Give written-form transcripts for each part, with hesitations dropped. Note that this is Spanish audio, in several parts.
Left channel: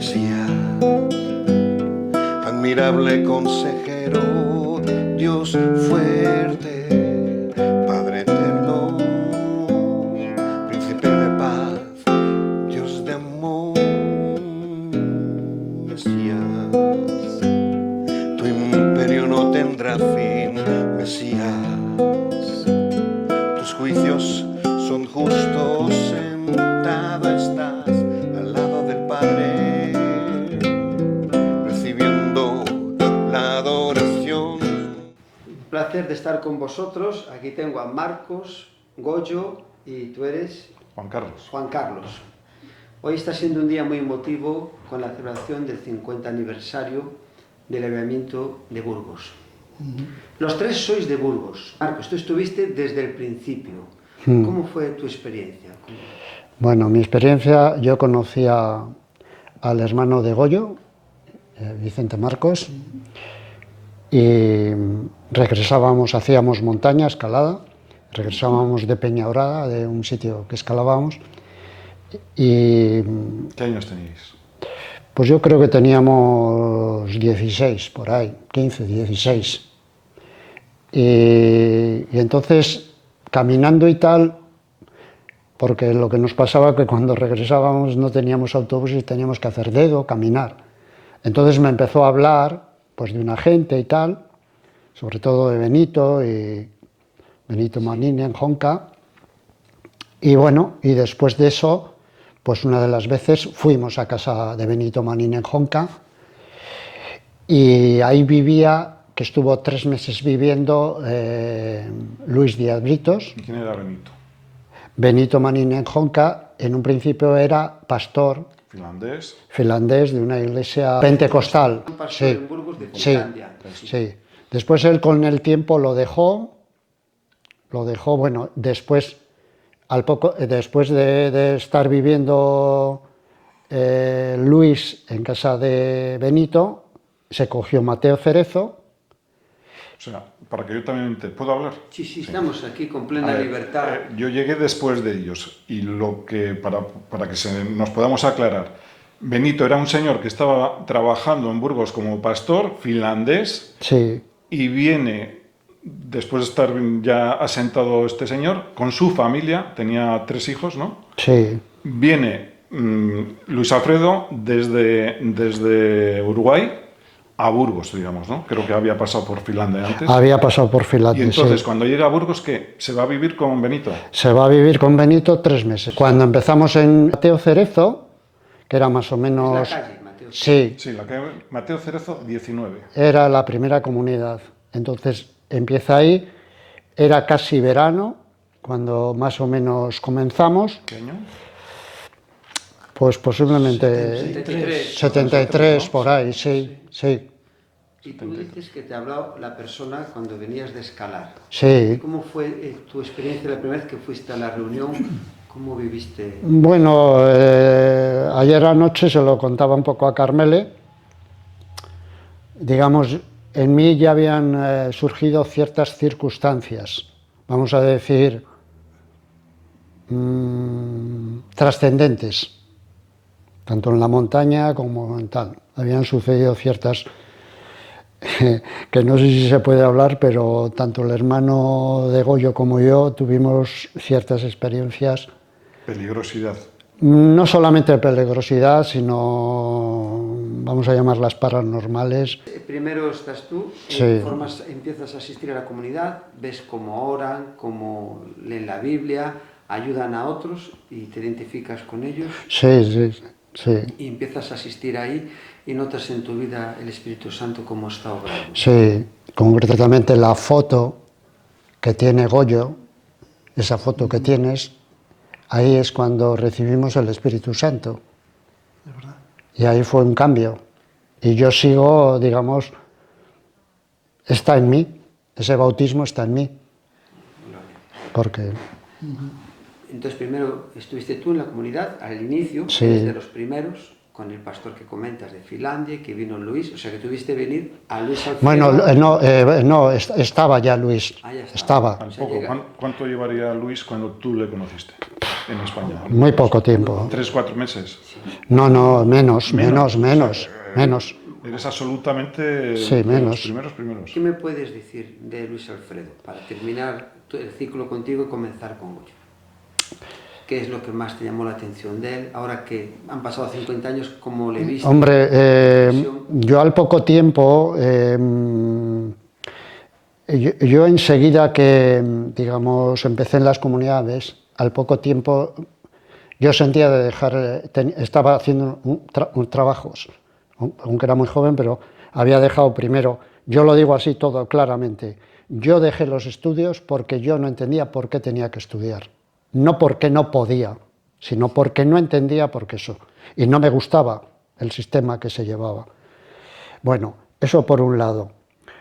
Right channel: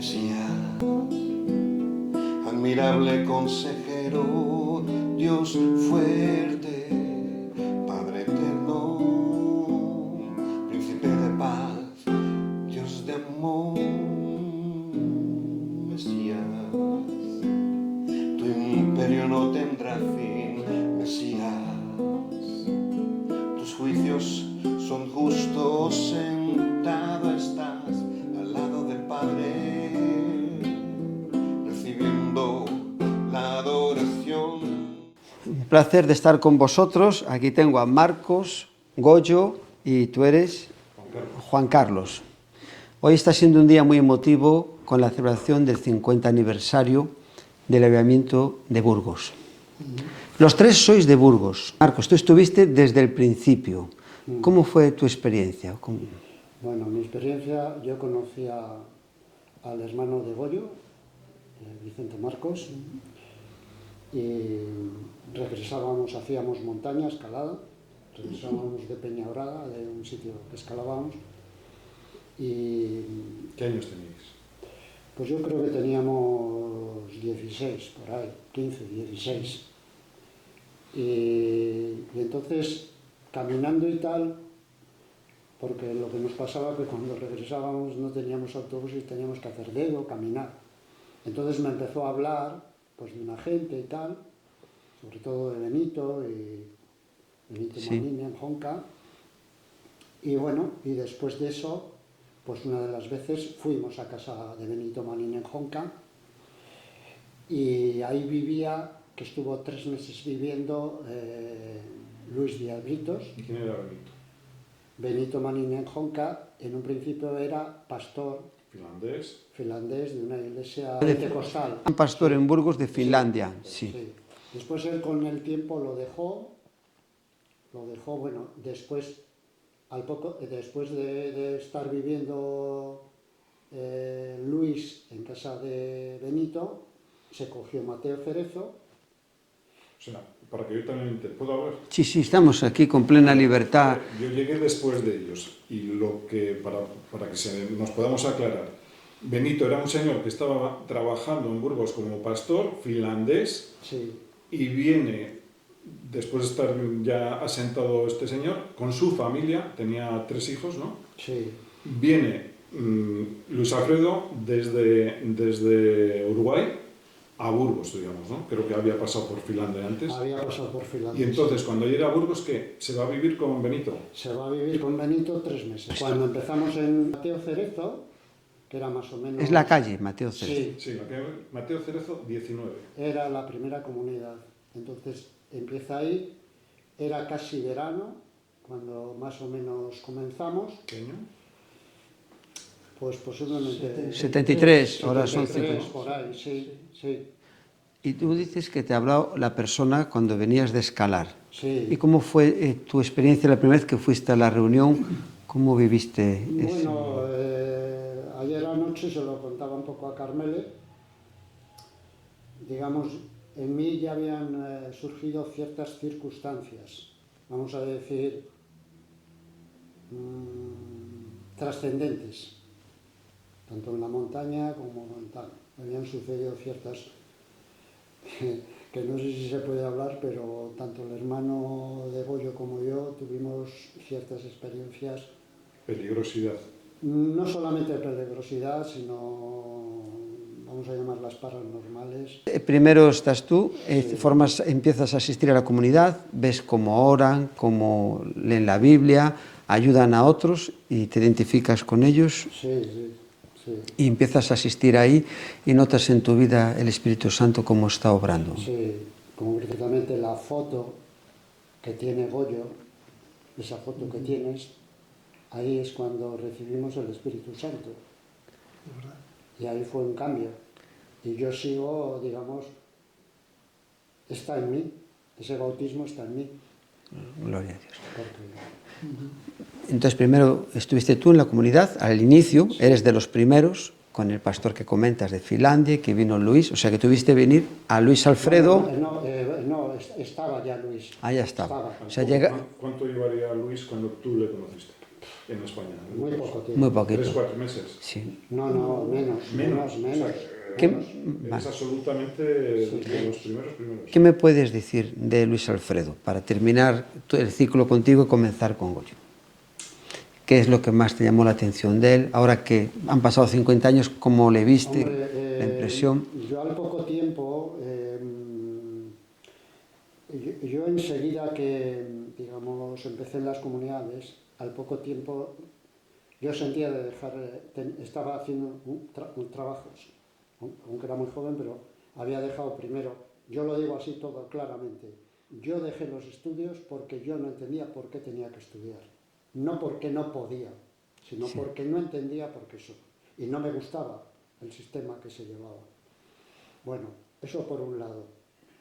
Mesías, admirable consejero, Dios fuerte, Padre eterno, príncipe de paz, Dios de amor. Mesías, tu imperio no tendrá fin. Mesías, tus juicios son justos, sentado estás al lado del Padre, recibiendo la adoración. Un placer de estar con vosotros. Aquí tengo a Marcos, Goyo y tú eres Juan Carlos. Hoy está siendo un día muy emotivo con la celebración del 50 aniversario del avivamiento de Burgos. Los tres sois de Burgos. Marcos, tú estuviste desde el principio. ¿Cómo fue tu experiencia? Bueno, mi experiencia, yo conocía al hermano de Goyo, Vicente Marcos, y regresábamos, hacíamos montaña, escalada, regresábamos de Peñaorada, de un sitio que escalábamos, y... ¿Qué años teníais? Pues yo creo que teníamos 16, por ahí, 15, 16. Y entonces, caminando y tal, porque lo que nos pasaba que cuando regresábamos no teníamos autobús y teníamos que hacer dedo, caminar. Entonces me empezó a hablar pues, de una gente y tal, sobre todo de Benito y Benito Manini en Jonca. Y bueno, y después de eso, pues una de las veces fuimos a casa de Benito Manini en Jonca y ahí vivía, que estuvo 3 meses viviendo, Luis Díaz Britos. ¿Quién era Benito? Benito Manini en Jonca, en un principio era pastor finlandés de una iglesia pentecostal. Un pastor en Burgos de Finlandia. Sí. Después él con el tiempo lo dejó, bueno, después de estar viviendo Luis en casa de Benito, se cogió Mateo Cerezo. O sea, para que yo también te pueda hablar. Sí, estamos aquí con plena libertad. Yo llegué después de ellos y lo que para que nos podamos aclarar, Benito era un señor que estaba trabajando en Burgos como pastor finlandés. Sí. Y viene, después de estar ya asentado este señor, con su familia, tenía 3 hijos, ¿no? Sí. Viene Luis Alfredo desde Uruguay a Burgos, digamos, ¿no? Creo que había pasado por Finlandia antes. Había pasado por Finlandia, y entonces, sí. cuando llega a Burgos, ¿qué? ¿Se va a vivir con Benito? Se va a vivir con Benito 3 meses. Cuando empezamos en Mateo Cerezo, que era más o menos... Es la calle, Mateo Cerezo. Sí. Sí, la calle Mateo Cerezo 19. Era la primera comunidad. Entonces, empieza ahí, era casi verano, cuando más o menos comenzamos. ¿Qué año? Pues posiblemente 73 ¿no? por ahí, sí. Y tú dices que te ha hablado la persona cuando venías de escalar. Sí. ¿Y cómo fue tu experiencia la primera vez que fuiste a la reunión? ¿Cómo viviste? Bueno, ayer anoche se lo contaba un poco a Carmele. Digamos, en mí ya habían surgido ciertas circunstancias, vamos a decir, trascendentes, tanto en la montaña como en tal. Habían sucedido ciertas, que no sé si se puede hablar, pero tanto el hermano de Goyo como yo tuvimos ciertas experiencias. Peligrosidad. No solamente peligrosidad, sino, vamos a llamarlas paranormales. Primero estás tú, Sí. empiezas a asistir a la comunidad, ves cómo oran, cómo leen la Biblia, ayudan a otros y te identificas con ellos. Sí. Y empiezas a asistir ahí y notas en tu vida el Espíritu Santo cómo está obrando. Sí, concretamente la foto que tiene Goyo, esa foto que tienes, ahí es cuando recibimos el Espíritu Santo. Y ahí fue un cambio. Y yo sigo, digamos, está en mí, ese bautismo está en mí. Gloria a Dios. Porque... Entonces primero estuviste tú en la comunidad, al inicio, Sí. eres de los primeros, con el pastor que comentas de Finlandia, que vino Luis, o sea que tuviste venir a Luis Alfredo. Bueno, no, estaba ya Luis. Ah, ya estaba. O sea, ¿Cuánto llevaría Luis cuando tú le conociste en España? Muy poco tiempo. Muy poco. 3 o 4 meses. Sí. No, menos. Eres absolutamente Sí, de menos. los primeros. ¿Qué me puedes decir de Luis Alfredo para terminar el ciclo contigo y comenzar con Goyo? ¿Qué es lo que más te llamó la atención de él? Ahora que han pasado 50 años, ¿cómo le viste? Hombre, yo al poco tiempo, yo enseguida que, digamos, empecé en las comunidades, al poco tiempo yo sentía de dejar, estaba haciendo trabajos, aunque era muy joven, pero había dejado primero, yo lo digo así todo claramente, yo dejé los estudios porque yo no entendía por qué tenía que estudiar. No porque no podía, sino porque no entendía por qué eso. Y no me gustaba el sistema que se llevaba. Bueno, eso por un lado.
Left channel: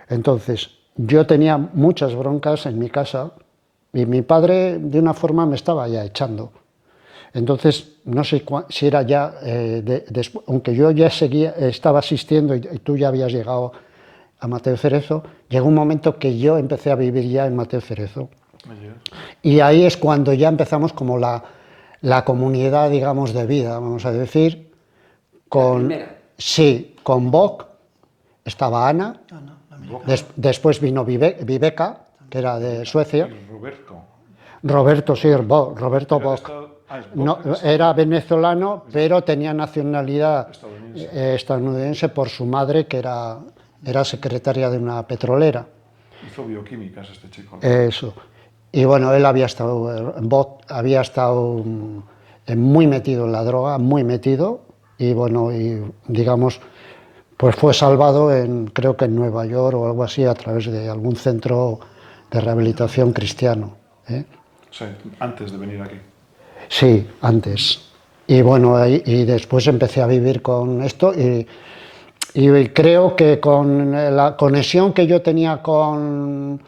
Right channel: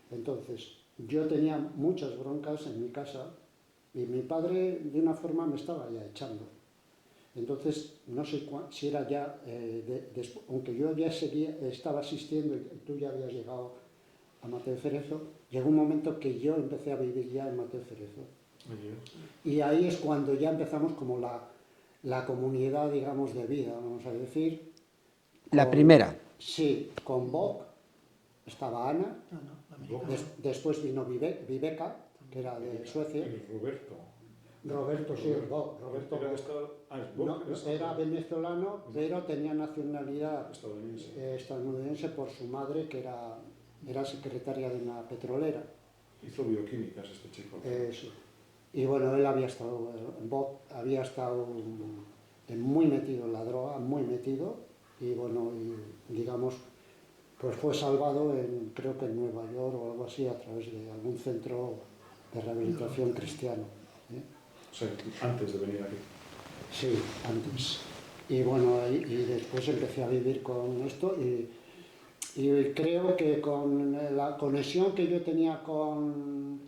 Entonces, yo tenía muchas broncas en mi casa y mi padre, de una forma, me estaba ya echando. Entonces, no sé si era ya, aunque yo ya estaba asistiendo y tú ya habías llegado a Mateo Cerezo, llegó un momento que yo empecé a vivir ya en Mateo Cerezo. Y ahí es cuando ya empezamos como la comunidad, digamos, de vida, vamos a decir. ¿La primera? Sí, con Boc estaba Ana, después vino Viveka, que era de Suecia. Roberto, sí, Roberto Boc. No, era venezolano, pero tenía nacionalidad estadounidense por su madre, que era secretaria de una petrolera. Hizo bioquímicas este chico. Eso. Y bueno, él había estado muy metido en la droga, muy metido, y bueno, y digamos, pues fue salvado creo que en Nueva York o algo así, a través de algún centro de rehabilitación cristiano. O sea, antes de venir aquí. Sí, antes. Y bueno, y después empecé a vivir con esto, y creo que con la conexión que yo tenía con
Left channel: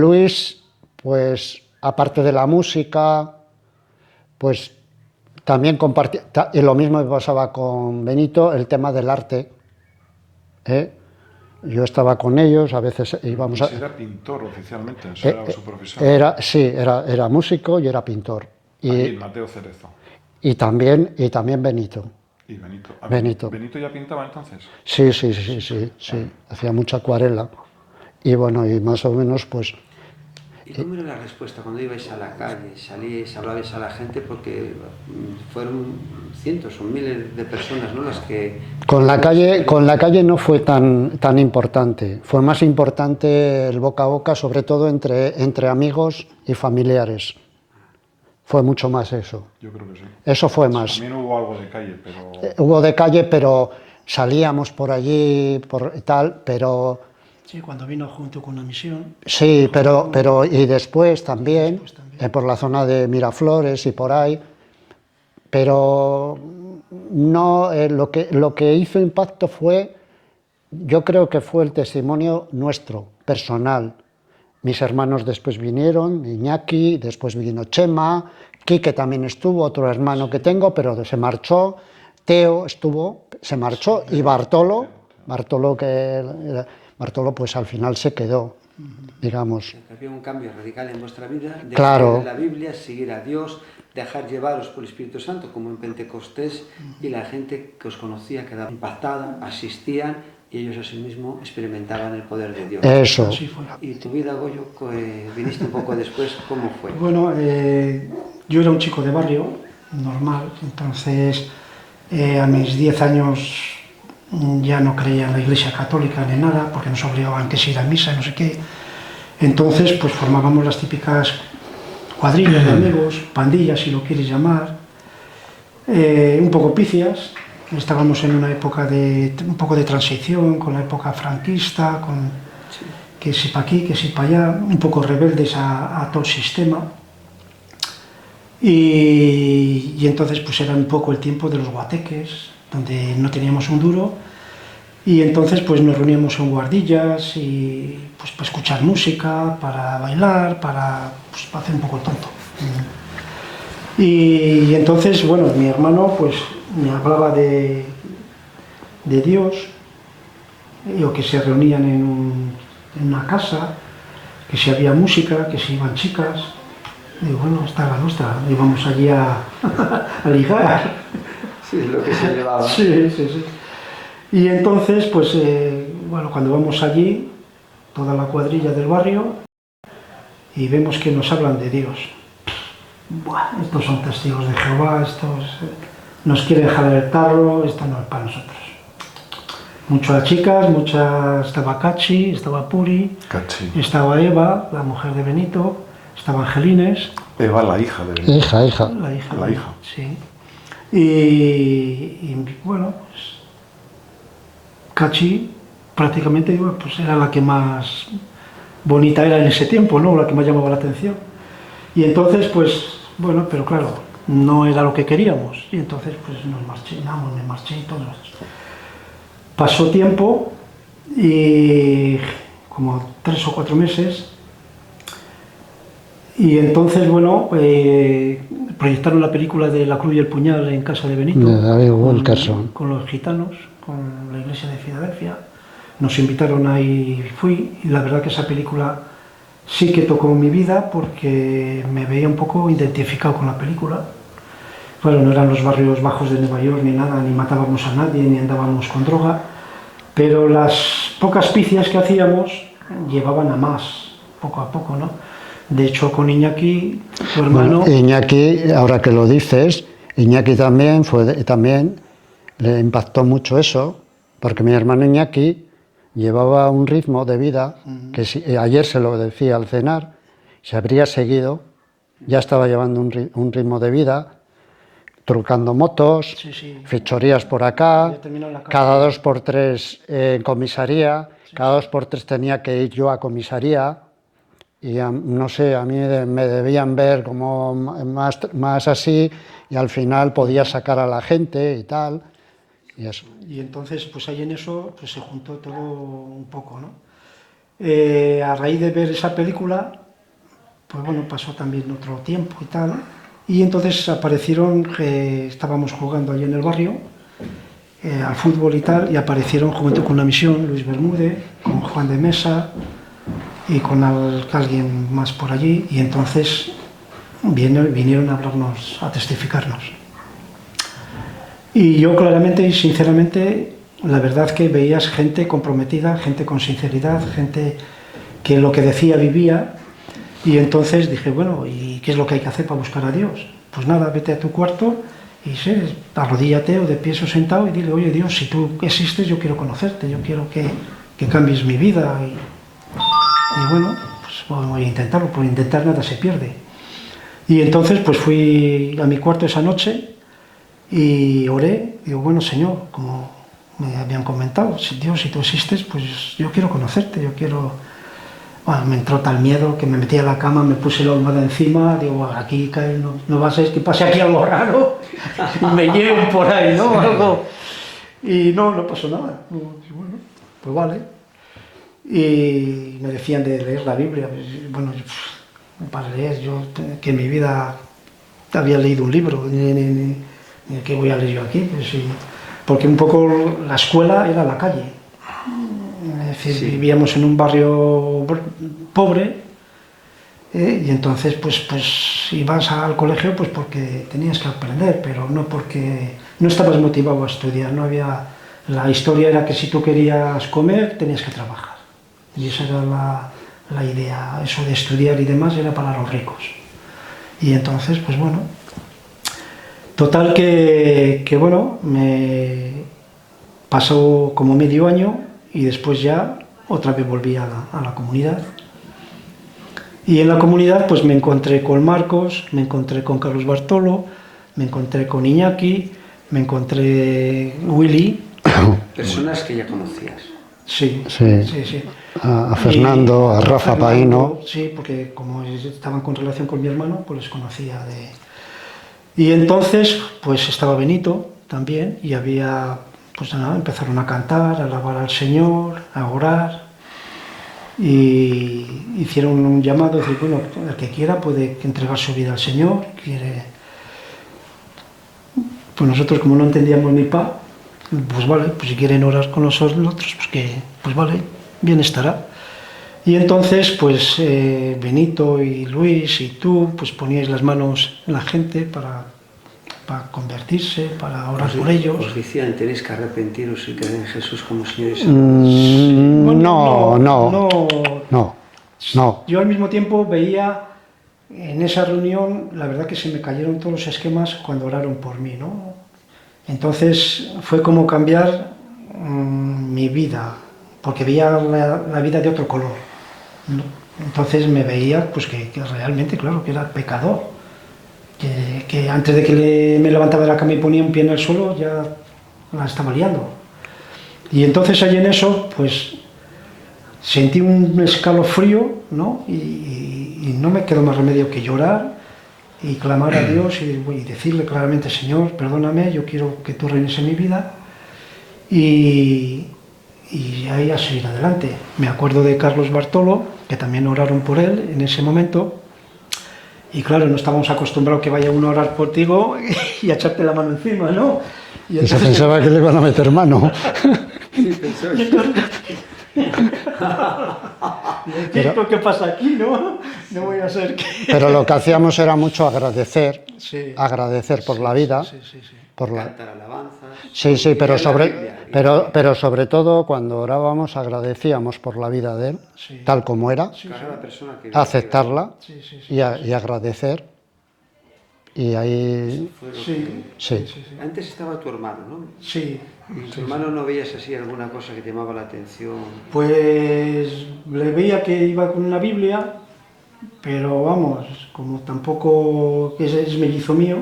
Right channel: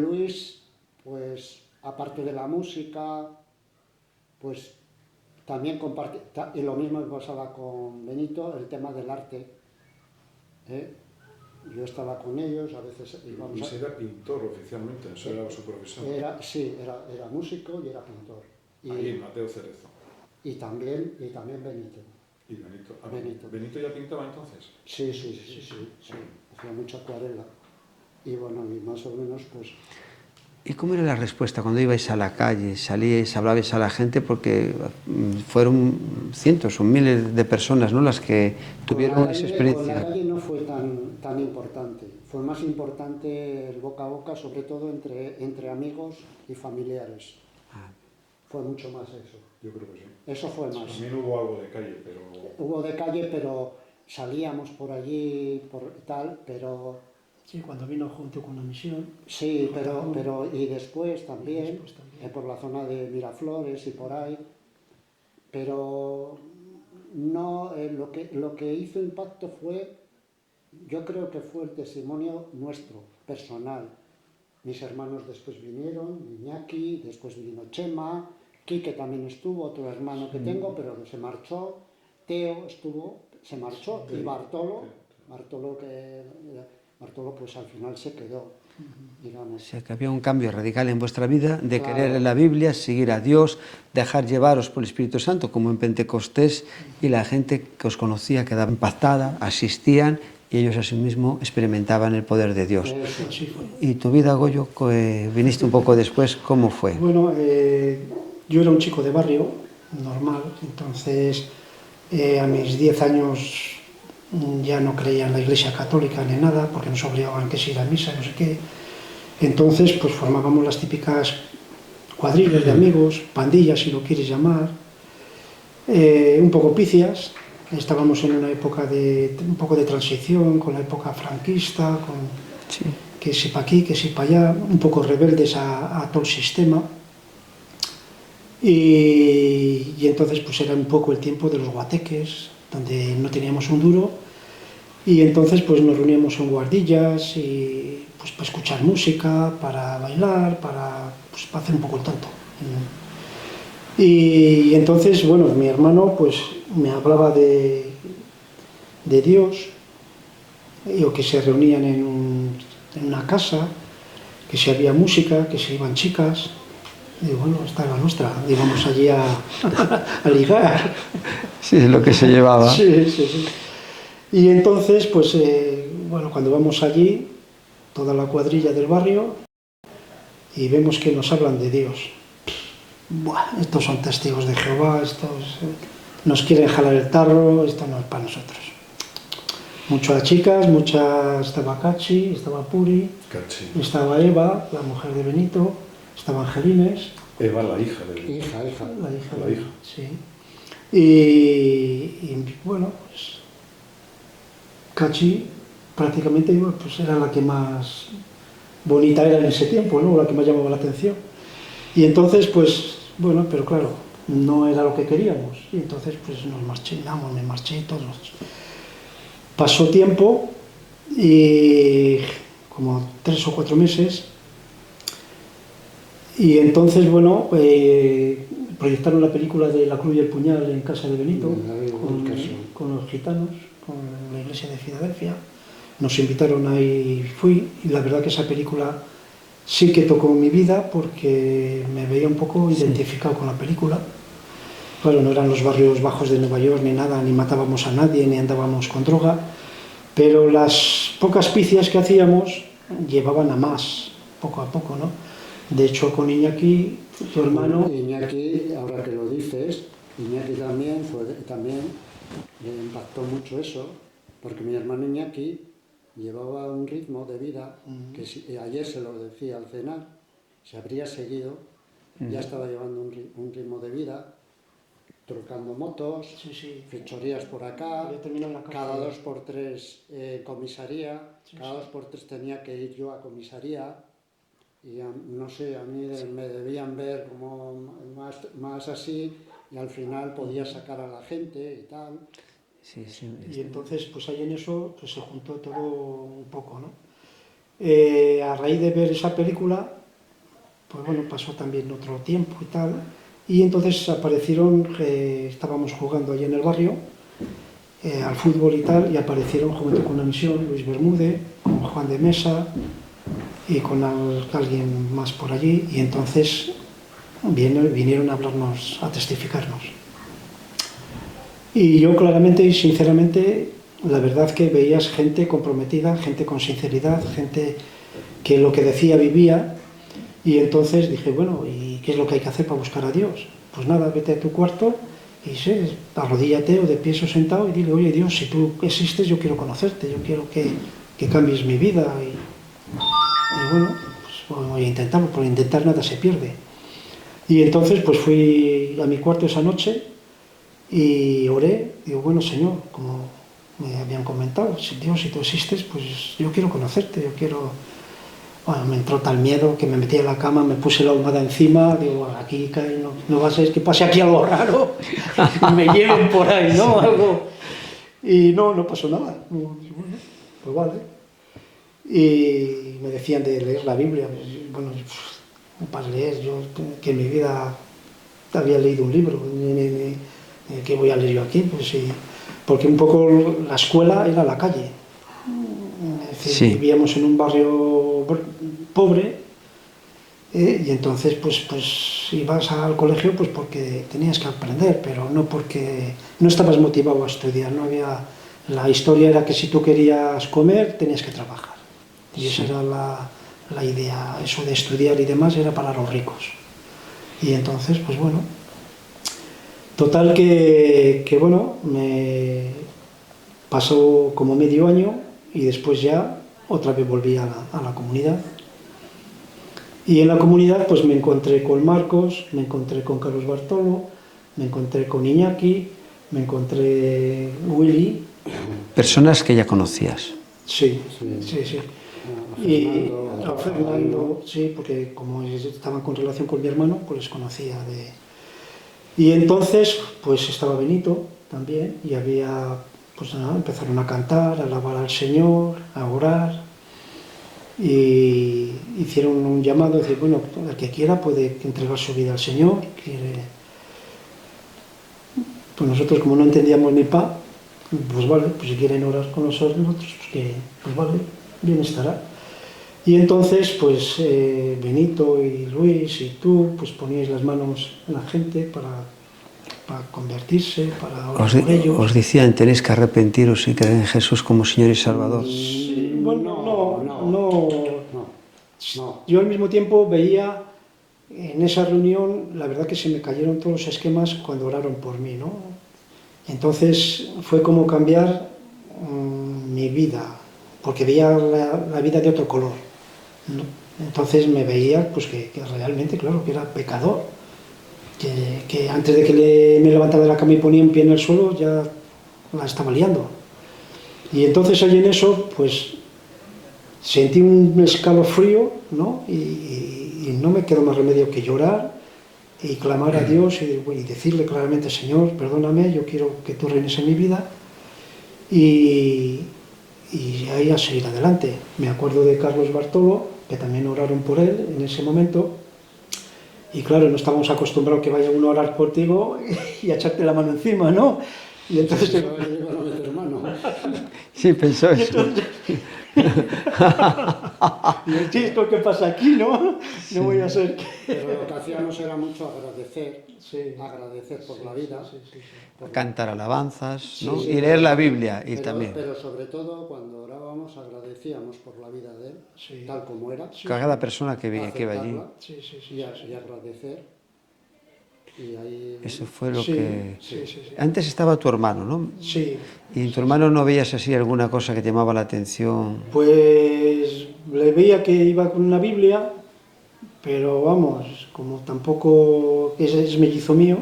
Luis, pues aparte de la música, pues también compartí, y lo mismo me pasaba con Benito, el tema del arte. Yo estaba con ellos, a veces íbamos a... Era pintor oficialmente, o sea, era su profesión. Sí, era músico y era pintor. Y Mateo Cerezo. Y también Benito. Y Benito. Benito. ¿Benito ya pintaba entonces? Sí. Hacía mucha acuarela. Y bueno, y más o menos pues... ¿Y cómo era la respuesta cuando ibais a la calle, salíais, hablabais a la gente? Porque fueron cientos o miles de personas, ¿no? Las que... Con la calle no fue tan importante. Fue más importante el boca a boca, sobre todo entre amigos y familiares. Fue mucho más eso. Yo creo que sí. Eso fue más. También hubo algo de calle, pero... Hubo de calle, pero salíamos por allí, pero... Sí, cuando vino junto con la misión. Sí, pero y después también, por la zona de Miraflores y por ahí, pero no, lo que hizo impacto fue, yo creo que fue el testimonio nuestro, personal. Mis hermanos después vinieron, Iñaki, después vino Chema, Quique también estuvo, otro hermano que tengo, pero se marchó, Teo estuvo, se marchó, y Bartolo pues al final se quedó, digamos. Que había un cambio radical en vuestra vida, de Claro. creer en la Biblia, seguir a Dios, dejar llevaros por el Espíritu Santo, como en Pentecostés, y la gente que os conocía quedaba impactada, asistían, y ellos asimismo experimentaban el poder de Dios. Eso. ¿Y tu vida, Goyo, viniste un poco después, cómo fue? Bueno, yo era un chico de barrio, normal, entonces a mis 10 años ya no creía en la Iglesia Católica ni nada, porque nos obligaban que se ir a misa y no sé qué. Entonces, pues formábamos las típicas cuadrillas de amigos, pandillas, si lo quieres llamar, un poco picias. Estábamos en una época un poco de transición, con la época franquista, Sí. que si para aquí, que si para allá, un poco rebeldes a todo el sistema. Y entonces pues era un poco el tiempo de los guateques, donde no teníamos un duro, y entonces pues nos reuníamos en guardillas y pues para escuchar música, para bailar, para hacer un poco el tonto. Y entonces, bueno, mi hermano pues me hablaba de Dios, o que se reunían en una casa, que si había música, que si iban chicas. Digo, bueno, esta es la nuestra, íbamos allí a ligar. Sí, es lo que se llevaba. Sí, sí, sí. Y entonces, pues, bueno, cuando vamos allí, toda la cuadrilla del barrio, y vemos que nos hablan de Dios. Buah, estos son testigos de Jehová, estos nos quieren jalar el tarro, esto no es para nosotros. Muchas chicas, estaba Cachi, estaba Puri, estaba Eva, la mujer de Benito, estaba Angelines. Eva, la hija de... Hija. La hija. La hija. Sí. Y bueno, pues Cachi prácticamente pues, era la que más bonita era en ese tiempo, ¿no? La que más llamaba la atención. Y entonces, pues, bueno, pero claro, no era lo que queríamos. Y entonces, pues nos marchamos, me marché y todos. Pasó tiempo y como 3 o 4 meses. Y entonces, bueno, proyectaron la película de La Cruz y el Puñal en casa de Benito. De David Wilkerson. Con los gitanos, con la iglesia de Filadelfia. Nos invitaron ahí, fui, y la verdad que esa película sí que tocó mi vida porque me veía un poco identificado con la película. Bueno, no eran los barrios bajos de Nueva York ni nada, ni matábamos a nadie, ni andábamos con droga, pero las pocas picias que hacíamos llevaban a más, poco a poco, ¿no? De hecho, con Iñaki, tu hermano... Bueno, Iñaki, ahora que lo dices, Iñaki también le impactó mucho eso, porque mi hermano Iñaki llevaba un ritmo de vida que ayer se lo decía al cenar, se habría seguido, ya estaba llevando un ritmo de vida, trucando motos, fechorías por acá, cada 2 por 3 en comisaría, cada 2 por 3 tenía que ir yo a comisaría y no sé, a mí me debían ver como más así y al final podía sacar a la gente y tal. Y eso. Y entonces, pues ahí en eso pues se juntó todo un poco, ¿no? A raíz de ver esa película, pues bueno, pasó también otro tiempo y tal, y entonces aparecieron, estábamos jugando allí en el barrio, al fútbol y tal, y aparecieron Juventud con una Misión, Luis Bermúdez, con Juan de Mesa, y con alguien más por allí, y entonces vinieron a hablarnos, a testificarnos. Y yo claramente y sinceramente, la verdad que veías gente comprometida, gente con sinceridad, gente que lo que decía vivía, y entonces dije, bueno, ¿y qué es lo que hay que hacer para buscar a Dios? Pues nada, vete a tu cuarto y sí, arrodíllate o de pie o sentado y dile, oye Dios, si tú existes yo quiero conocerte, yo quiero que cambies mi vida. Y bueno, pues voy a intentarlo, por intentar nada se pierde. Y entonces pues fui a mi cuarto esa noche y oré, digo, bueno Señor, como me habían comentado, si Dios, si tú existes, pues yo quiero conocerte, yo quiero... Bueno, me entró tal miedo que me metí a la cama, me puse la almohada encima, digo, aquí no va a ser que pase aquí algo raro, y me lleven por ahí, ¿no? Algo. Y no pasó nada. Bueno, pues vale. Y me decían de leer la Biblia. Bueno, para leer, yo que en mi vida había leído un libro, ni ¿qué voy a leer yo aquí? Pues sí, porque un poco la escuela era la calle. Es decir, sí. Vivíamos en un barrio pobre y entonces pues ibas al colegio pues porque tenías que aprender, pero no porque no estabas motivado a estudiar, no había... La historia era que si tú querías comer tenías que trabajar y esa era la idea, eso de estudiar y demás era para los ricos. Y entonces pues bueno, total que bueno, me pasó como medio año y después ya otra vez volví a la comunidad. Y en la comunidad pues me encontré con Marcos, me encontré con Carlos Bartolo, me encontré con Iñaki, me encontré Willy. Personas que ya conocías. Sí. A Fernando, a Rafa Paino. Sí, porque como estaban con relación con mi hermano, pues les conocía de... Y entonces pues estaba Benito también y había... Pues nada, empezaron a cantar, a alabar al Señor, a orar y hicieron un llamado, decir, bueno, el que quiera puede entregar su vida al Señor, quiere... pues nosotros como no entendíamos ni pa, pues vale, pues si quieren orar con nosotros, pues vale, bien estará. Y entonces, pues Benito y Luis y tú, pues poníais las manos en la gente para convertirse, para orar por ellos. Os decían, tenéis que arrepentiros y creer en Jesús como Señor y Salvador. No. Yo al mismo tiempo veía en esa reunión, la verdad que se me cayeron todos los esquemas cuando oraron por mí, ¿no? Entonces fue como cambiar mi vida, porque veía la vida de otro color, ¿no? Entonces me veía pues que realmente, claro, que era pecador, que antes de que me levantaba de la cama y ponía un pie en el suelo ya la estaba liando. Y entonces ahí en eso, pues sentí un escalofrío, ¿no? Y no me quedó más remedio que llorar y clamar a Dios y decirle claramente, Señor, perdóname, yo quiero que tú reines en mi vida. Y ahí a seguir adelante. Me acuerdo de Carlos Bartolo, que también oraron por él en ese momento. Y claro, no estábamos acostumbrados que vaya uno a orar contigo y a echarte la mano encima, ¿no? Y entonces... Se pensaba que le iban a meter mano. Sí, pensó eso. Y esto ¿qué pasa aquí, no? No voy a ser que... Pero lo que hacíamos era mucho agradecer, sí, agradecer por la vida. Sí. Cantar alabanzas. Sí, pero pero sobre todo cuando orábamos agradecíamos por la vida de él, tal como era, cada persona que aceptarla y agradecer. Y ahí... Eso fue lo que... Sí. Antes estaba tu hermano, ¿no? Sí. ¿Y en tu hermano no veías así alguna cosa que te llamaba la atención? Pues le veía que iba con una Biblia, pero vamos, como tampoco es mellizo mío,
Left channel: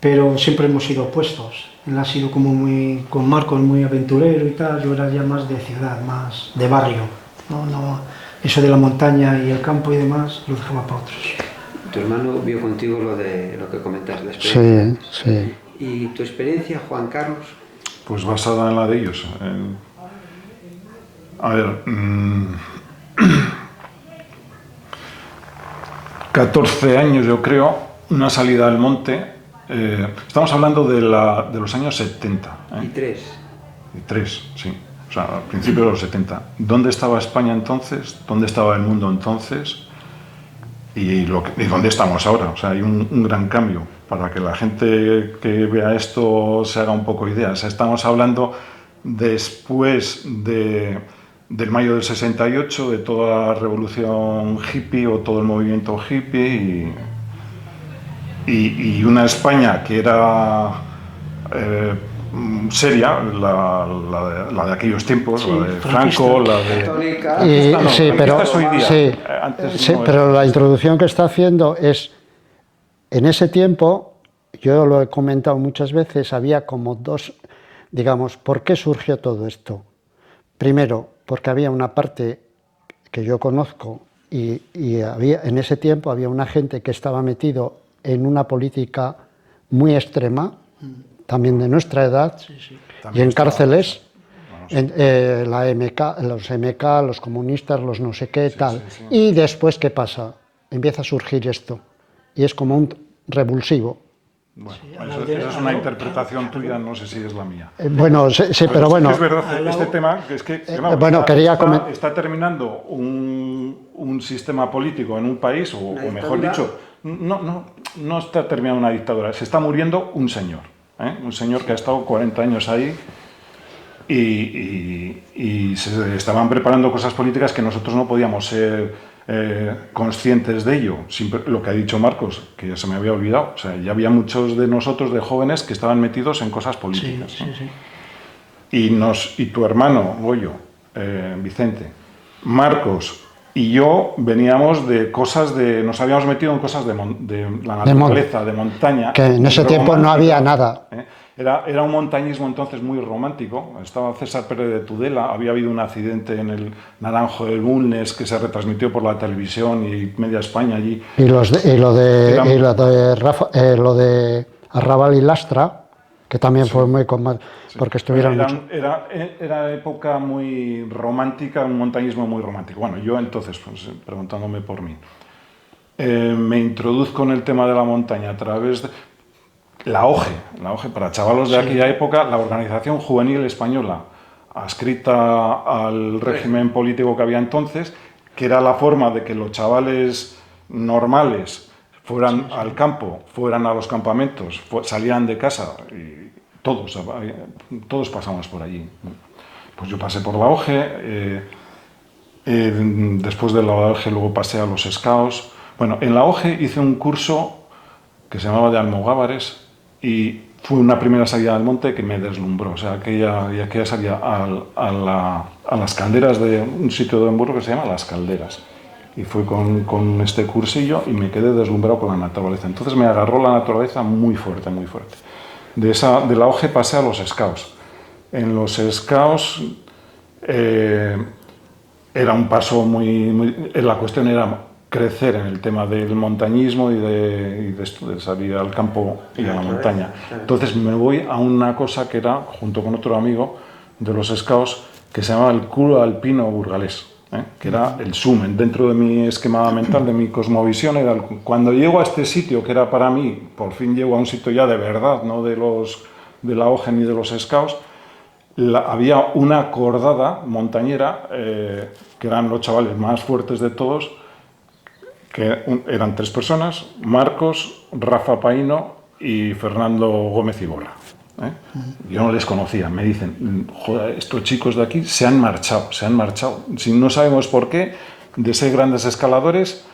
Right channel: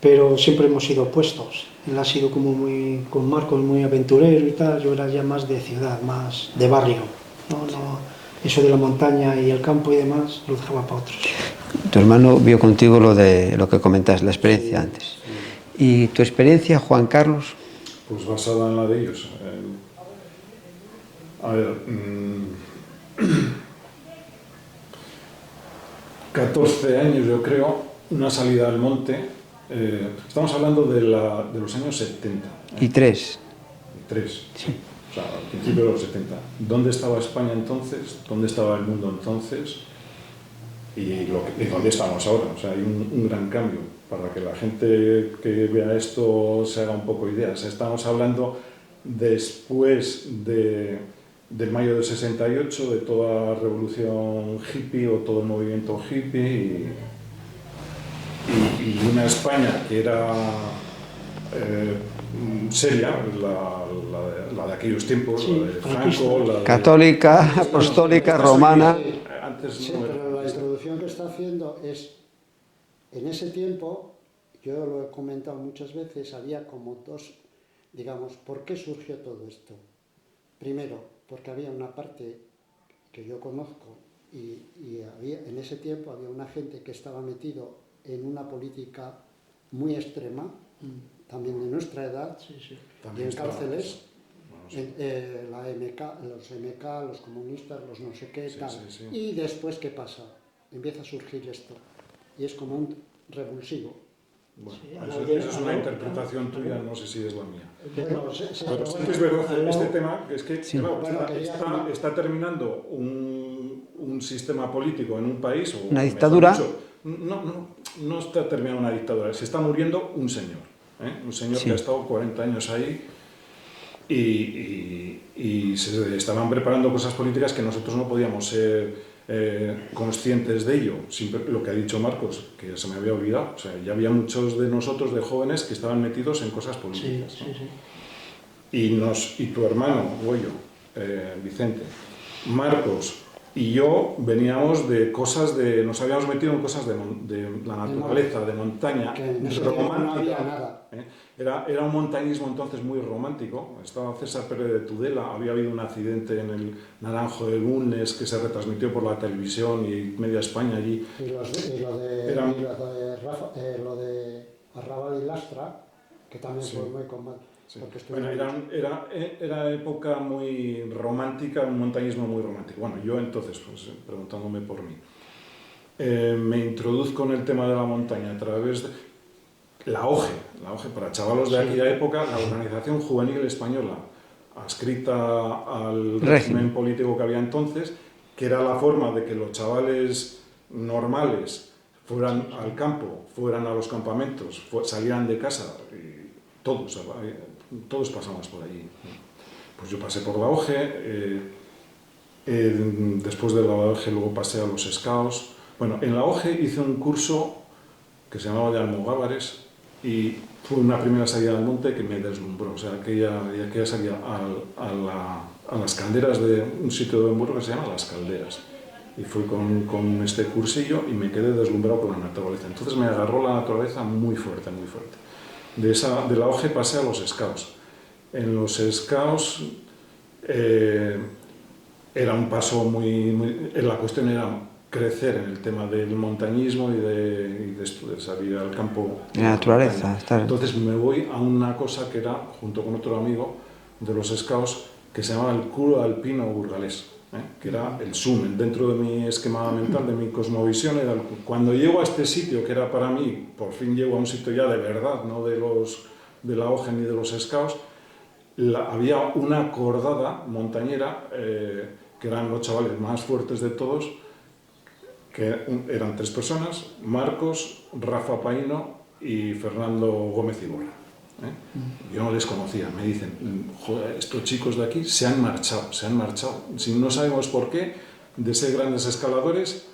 pero siempre hemos sido opuestos. Él ha sido como muy, con Marcos, muy aventurero y tal, yo era ya más de ciudad, más de barrio. No, eso de la montaña y el campo y demás lo dejaba para otros. Tu hermano vio contigo lo que comentas, la experiencia antes. Sí. ¿Y tu experiencia, Juan Carlos? Pues basada en la de ellos. A ver, 14 años yo creo, una salida al monte. Estamos hablando de los años 70. Y 3. Y 3, sí. O sea, al principio de los 70. ¿Dónde estaba España entonces? ¿Dónde estaba el mundo entonces? Y dónde estamos ahora. O sea, hay un gran cambio para que la gente que vea esto se haga un poco idea. O sea, estamos hablando después del mayo del 68, de toda la revolución hippie o todo el movimiento hippie y una España que era seria, la de aquellos tiempos, la de Franco, la de... Católica, pero la introducción que está haciendo es, en ese tiempo, yo lo he comentado muchas veces, había como dos, digamos, ¿por qué surgió todo esto? Primero, porque había una parte que yo conozco y en ese tiempo había una gente que estaba metido en una política muy extrema, también de nuestra edad, y en cárceles, la MK, los MK, los comunistas, los no sé qué, tal. Y después, ¿qué pasa? Empieza a surgir esto, y es como un revulsivo. Bueno, eso es una interpretación tuya, no sé si es la mía. Bueno, sí, pero bueno... Es verdad, este tema, que es que está terminando un sistema político en un país, o una dictadura. Mejor dicho, no está terminando una dictadura, se está muriendo un señor. Un señor que ha estado 40 años ahí y se estaban preparando cosas políticas que nosotros no podíamos ser conscientes de ello. Lo que ha dicho Marcos, que ya se me había olvidado, o sea, ya había muchos de nosotros, de jóvenes, que estaban metidos en cosas políticas. Y tu hermano, Goyo, Vicente, Marcos y yo veníamos de cosas nos habíamos metido en cosas de la naturaleza, de montaña. Que en ese tiempo no había nada. Era un montañismo entonces muy romántico. Estaba César Pérez de Tudela, había habido un accidente en el Naranjo de Bulnes que se retransmitió por la televisión y media España allí. Y lo de Arrabal y Lastra, que también fue muy... porque estuvieron mucho. Era época muy romántica, un montañismo muy romántico. Bueno, yo entonces, pues, preguntándome por mí, me introduzco en el tema de la montaña a través de... la OGE, para chavalos de aquella época, la Organización Juvenil Española, adscrita al régimen político que había entonces, que era la forma de que los chavales normales fueran al campo, fueran a los campamentos, salían de casa, y todos pasamos por allí. Pues yo pasé por la OGE, después de la OGE luego pasé a los Scouts. Bueno, en la OGE hice un curso que se llamaba de Almogávares y fue una primera salida al monte que me deslumbró. O sea, aquella salida a las calderas de un sitio de Hamburgo que se llama Las Calderas. Y fue con este cursillo y me quedé deslumbrado con la naturaleza. Entonces me agarró la naturaleza muy fuerte, muy fuerte. De la OGE pasé a los Scouts. En los Scouts era un paso la cuestión era crecer en el tema del montañismo y de salir al campo y a la montaña. Entonces me voy a una cosa que era, junto con otro amigo de los Scouts, que se llamaba el Club Alpino Burgalés, que era el sumen. Dentro de mi esquema mental, de mi cosmovisión, era cuando llego a este sitio, que era para mí, por fin llego a un sitio ya de verdad, no de la OGE ni de los Scouts, había una cordada montañera, que eran los chavales más fuertes de todos, que eran 3 personas, Marcos, Rafa Paino y Fernando Gómez Iborra. Yo no les conocía, me dicen, joder, estos chicos de aquí se han marchado. Si no sabemos por qué, de ser grandes escaladores,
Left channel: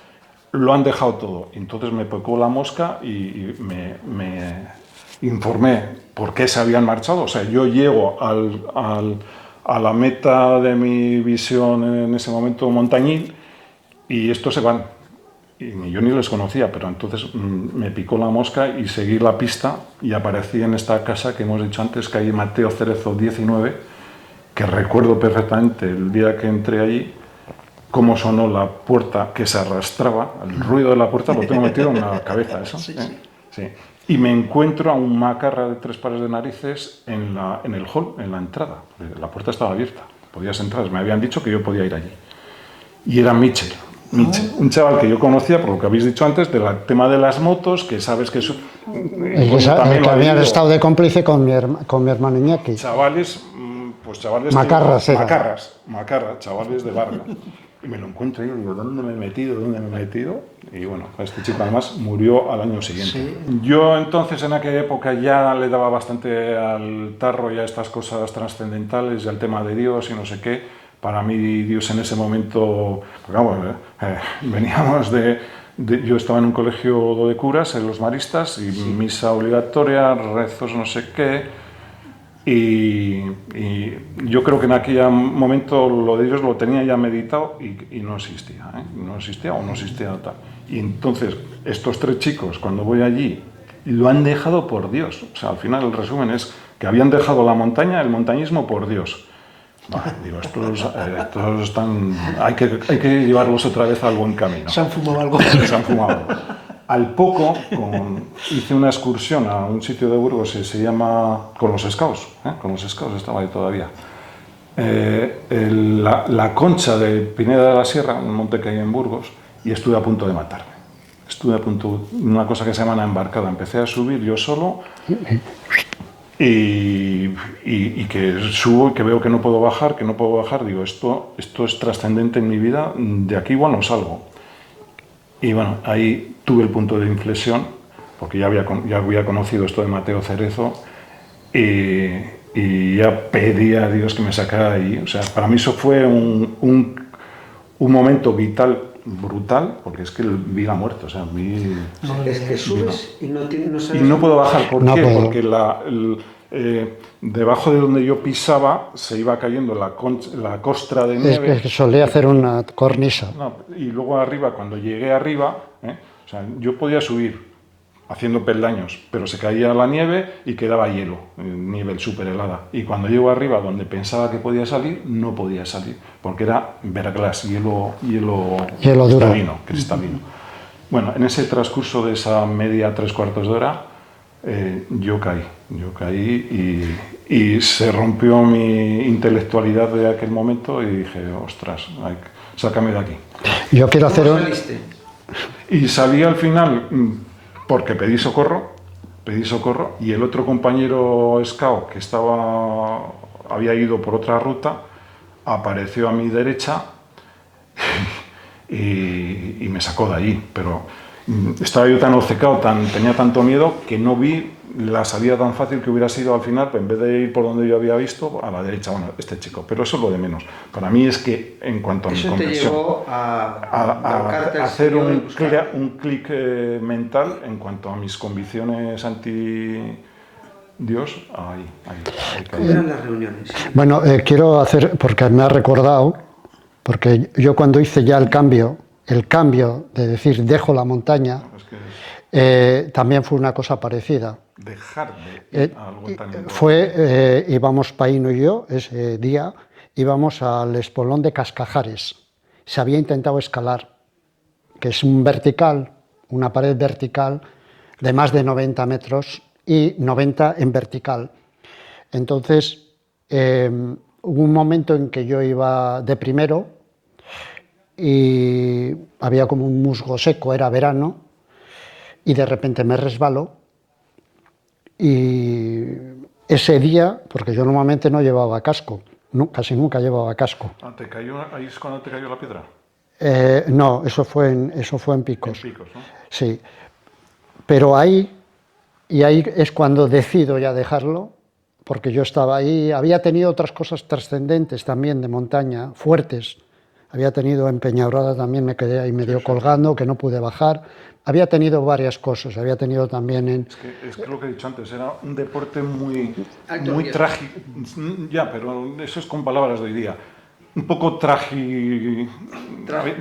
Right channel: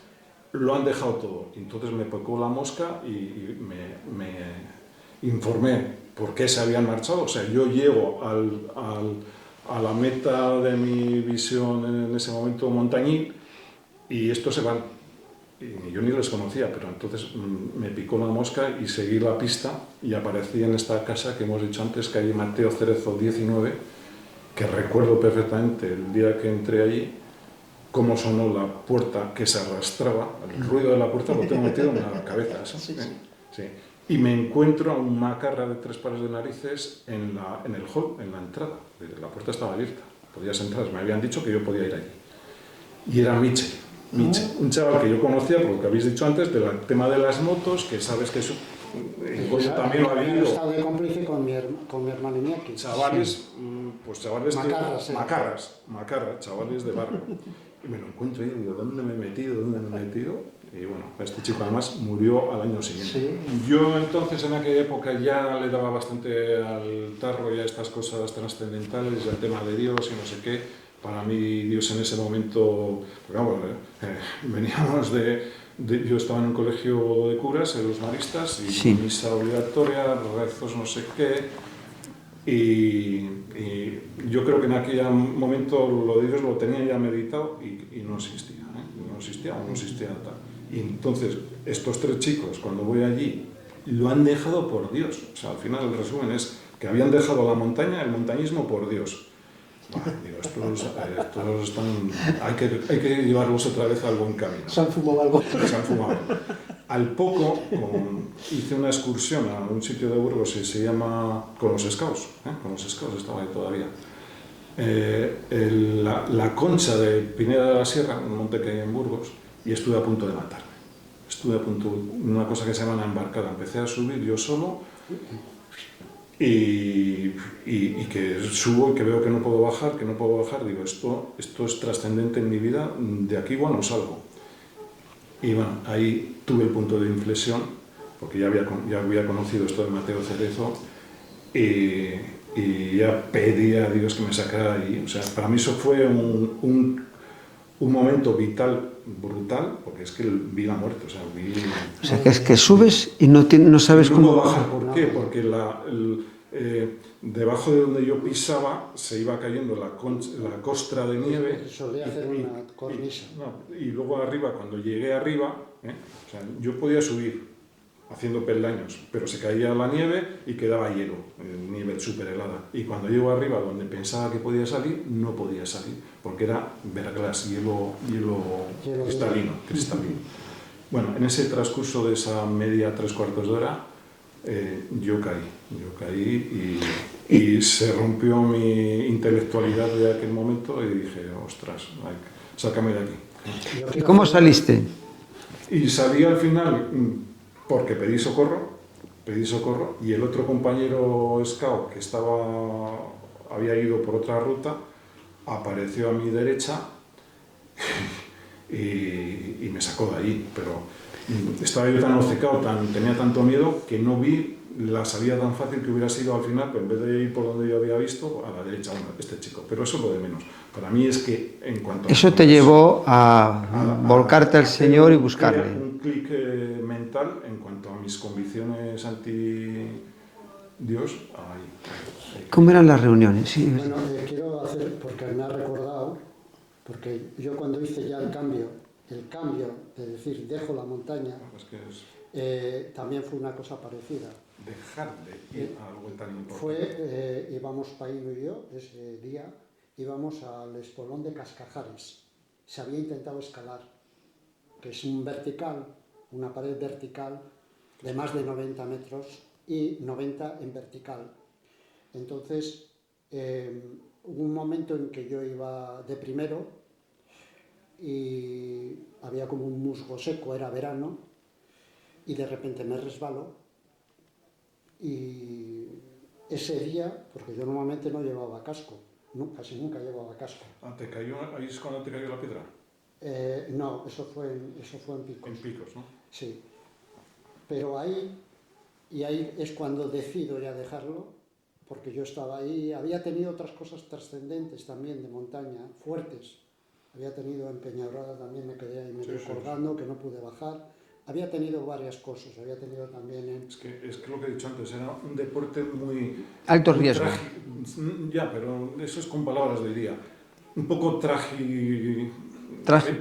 lo han dejado todo. Entonces me picó la mosca y me informé por qué se habían marchado. O sea, yo llego a la meta de mi visión en ese momento montañil y estos se van. Y yo ni les conocía, pero entonces me picó la mosca y seguí la pista y aparecí en esta casa que hemos dicho antes, calle Mateo Cerezo 19, que recuerdo perfectamente el día que entré allí, cómo sonó la puerta que se arrastraba, el ruido de la puerta lo tengo metido en la cabeza, eso. Sí. Y me encuentro a un macarra de 3 pares de narices en el hall, en la entrada. La puerta estaba abierta, podías entrar, me habían dicho que yo podía ir allí. Y era Michel, un chaval que yo conocía, por lo que habéis dicho antes, del tema de las motos, que sabes que... que habían estado de cómplice con mi hermano Iñaki. Chavales, macarras, chavales de Vargas. Y me lo encuentro ahí y digo, ¿dónde me he metido? Y bueno, este chico además murió al año siguiente. Sí. Yo entonces en aquella época ya le daba bastante al tarro y a estas cosas trascendentales y al tema de Dios y no sé qué. Para mí Dios en ese momento, vamos, veníamos yo estaba en un colegio de curas, en los maristas, y sí, misa obligatoria, rezos no sé qué, y yo creo que en aquel momento lo de Dios lo tenía ya meditado y no existía, no existía tal. Y entonces estos 3 chicos, cuando voy allí, lo han dejado por Dios. O sea, al final el resumen es que habían dejado la montaña, el montañismo por Dios. Bueno, digo, estos están... Hay que llevarlos otra vez al buen camino. Se han fumado algo. Se han fumado. Al poco, hice una excursión a un sitio de Burgos que se llama... Con los Scouts estaba ahí todavía. La Concha de Pineda de la Sierra, un monte que hay en Burgos, y estuve a punto de matarme. Una cosa que se llama una embarcada. Empecé a subir yo solo... Y que subo y que veo que no puedo bajar, digo, esto es trascendente en mi vida, de aquí igual no salgo. Y bueno, ahí tuve el punto de inflexión, porque ya había conocido esto de Mateo Cerezo, y ya pedí a Dios que me sacara ahí. O sea, para mí eso fue un momento vital, brutal, porque es que vi la muerte. O sea, es que subes y no sabes cómo... no puedo bajar. ¿Por qué? Porque debajo de donde yo pisaba se iba cayendo la costra de nieve. Es que solía hacer una cornisa. Y luego arriba, cuando llegué arriba, o sea, yo podía subir haciendo peldaños, pero se caía la nieve y quedaba hielo, nieve súper helada. Y cuando llego arriba, donde pensaba que podía salir, no podía salir, porque era verglass, hielo cristalino. Bueno, en ese transcurso de esa media 3/4 de hora, yo caí y se rompió mi intelectualidad de aquel momento y dije, ostras, sácame de aquí. ¿Cómo saliste? Y salí al final porque pedí socorro pedí socorro y el otro compañero scout que había ido por otra ruta apareció a mi derecha y me sacó de allí, pero estaba yo tan obcecado, tenía tanto miedo que no vi la salida tan fácil que hubiera sido al final, pues en vez de ir por donde yo había visto, a la derecha, bueno, este chico, pero eso es lo de menos. Para mí es que en cuanto a Eso te llevó a volcarte al hacer Señor y buscarle. un clic mental en cuanto a mis convicciones anti Dios, ahí. ¿Cómo eran las reuniones? Bueno, quiero hacer, porque me ha recordado, porque yo cuando hice ya el cambio de decir dejo la montaña, también fue una cosa parecida. Dejar de ir a algo tan Íbamos Paíno y yo, ese día, íbamos al espolón de Cascajares. Se había intentado escalar, que es una pared vertical de más de 90 metros y 90 en vertical. Entonces, hubo un momento en que yo iba de primero y había como un musgo seco, era verano, y de repente me resbaló. Y ese día, porque yo normalmente no llevaba casco, casi nunca llevaba casco. ¿Ahí es cuando te cayó la piedra? No, eso fue en Picos. En Picos, ¿no? Sí, pero ahí es cuando decido ya dejarlo, porque yo estaba ahí, había tenido otras cosas trascendentes también de montaña, fuertes. Había tenido en Peñaurada también, me quedé ahí medio colgando, que no pude bajar. Había tenido varias cosas, había tenido también en... Es que lo que he dicho antes, era un deporte muy riesgo. trágico. Ya, pero eso es con palabras de hoy día. Un poco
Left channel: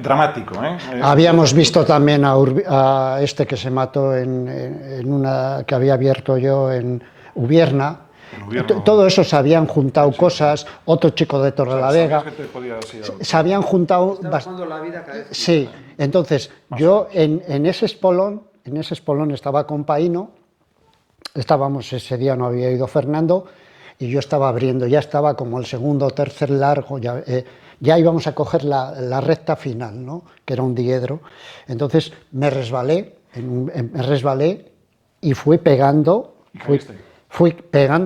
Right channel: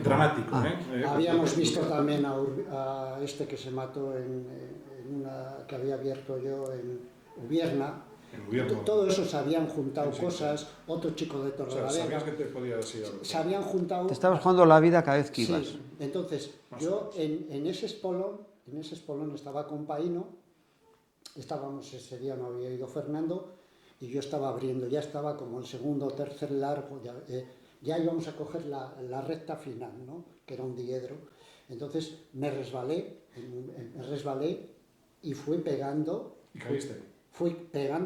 dramático, ¿eh? Habíamos visto también a este que se mató en una que había abierto yo en Ubierna. Todo eso se habían juntado cosas, otro chico de Torrelavega, se habían juntado... Estabas jugando la vida cada vez que Sí, ibas. entonces yo en ese espolón estaba con Paíno, ese día no había ido Fernando, y yo estaba abriendo, ya estaba como el segundo o tercer largo, ya íbamos a coger la recta final, ¿no? Que era un diedro. Entonces me resbalé y fui pegando